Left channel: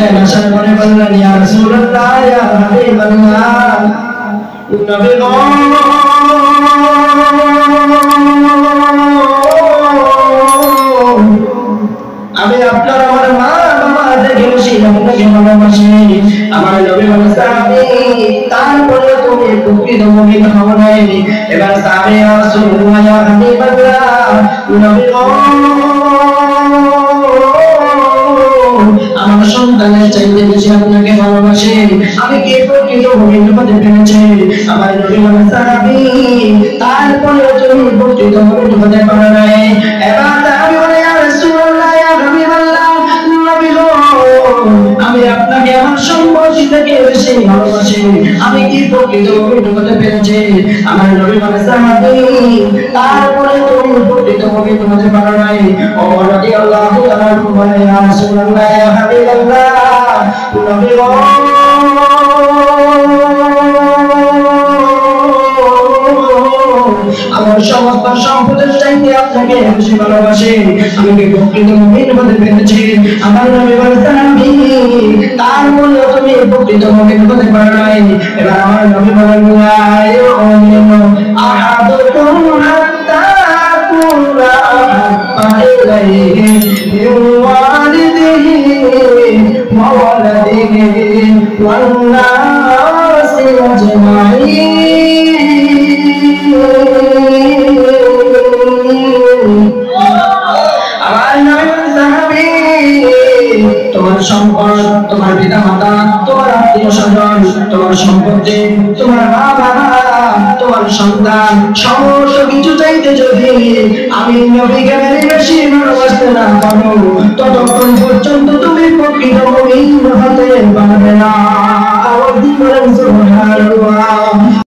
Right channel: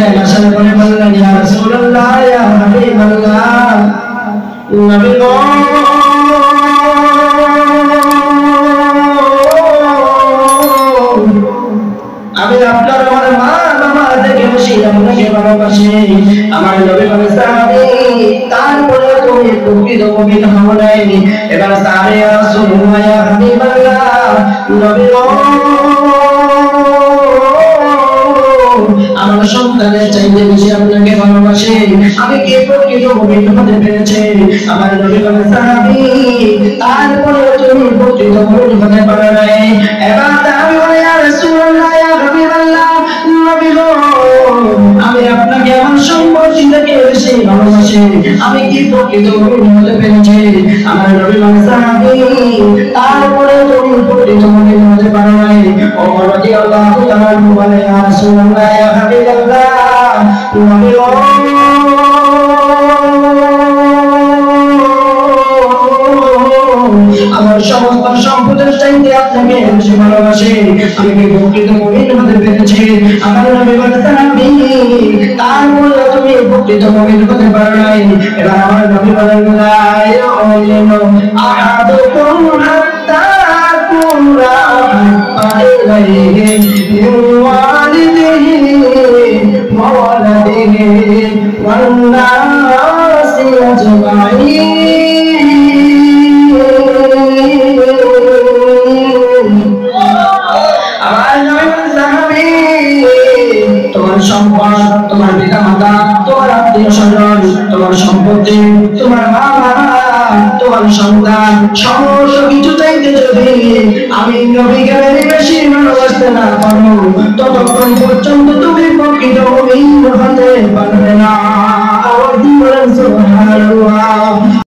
বসলেন, আসার পরে বললেন, ইয়া রাসূলুল্লাহ, ইয়া হাবিবাল্লাহ, নবী গো, আমি আপনার আমার মা বাবা থেকে বেশি আপনাকে ভালোবাসি। আমার নবী বলে, সাহাবী, তারপরে তুমি প্রকৃত মুমিন হও নাই। এবার সাহাবী, ইয়া রাসূলুল্লাহ, ইয়া হাবিবাল্লাহ, নবী গো, আমার সন্তানের চাইতে বেশি আপনাকে ভালোবাসে, আমি কি প্রকৃত মুমিন হতে পেরেছি? আমার নবী বলে, সাহাবী, তারপরে তুমি প্রকৃত মুমিন হতে পারো নাই। এবার সাহাবী বলে, ইয়া রাসূলুল্লাহ, ইয়া হাবিবাল্লাহ, নবী গো, আমি আপনাকে আমার সম্পত্তি থেকে বেশি ভালোবাসি, আমি কি প্রকৃত মুমিন হতে পেরেছি? আমার নবী বলে, সাহাবী, তারপরে তুমি প্রকৃত মুমিন হতে পারো নাই। ওমর রাদিয়াল্লাহু তাআলা বলে, ইয়া রাসূলুল্লাহ, ইয়া হাবিবাল্লাহ, নবী গো, আমার সমস্ত সম্পদের চাইতে আপনাকে বেশি ভালোবাসি, আমি কি প্রকৃত মুমিন হতে পেরেছি? আমার নবী বলে, সাহাবী, তারপরে তুমি প্রকৃত মুমিন হতে পারো নাই। এবার আমার নবী বলেন, লা ইউমিনু আহাদুকুম হাত্তা আকুনা আহাব্বা ইলাইহি মিন ওয়ালিদিহি ওয়া ওয়ালাদিহি ওয়ান নাসি আজমাইন। তোমার সম্পদ, তোমার পিতা মাতা, তোমার আত্মীয় স্বজন, তোমার সম্পত্তি, তোমার মা বাবা, তোমার সন্তান, সমস্ত কিছু চাইতে যদি আমি নবীকে বেশি ভালোবাসতে না পারো, ততক্ষণ পর্যন্ত তুমি প্রকৃত মুমিন হতে পারবে না।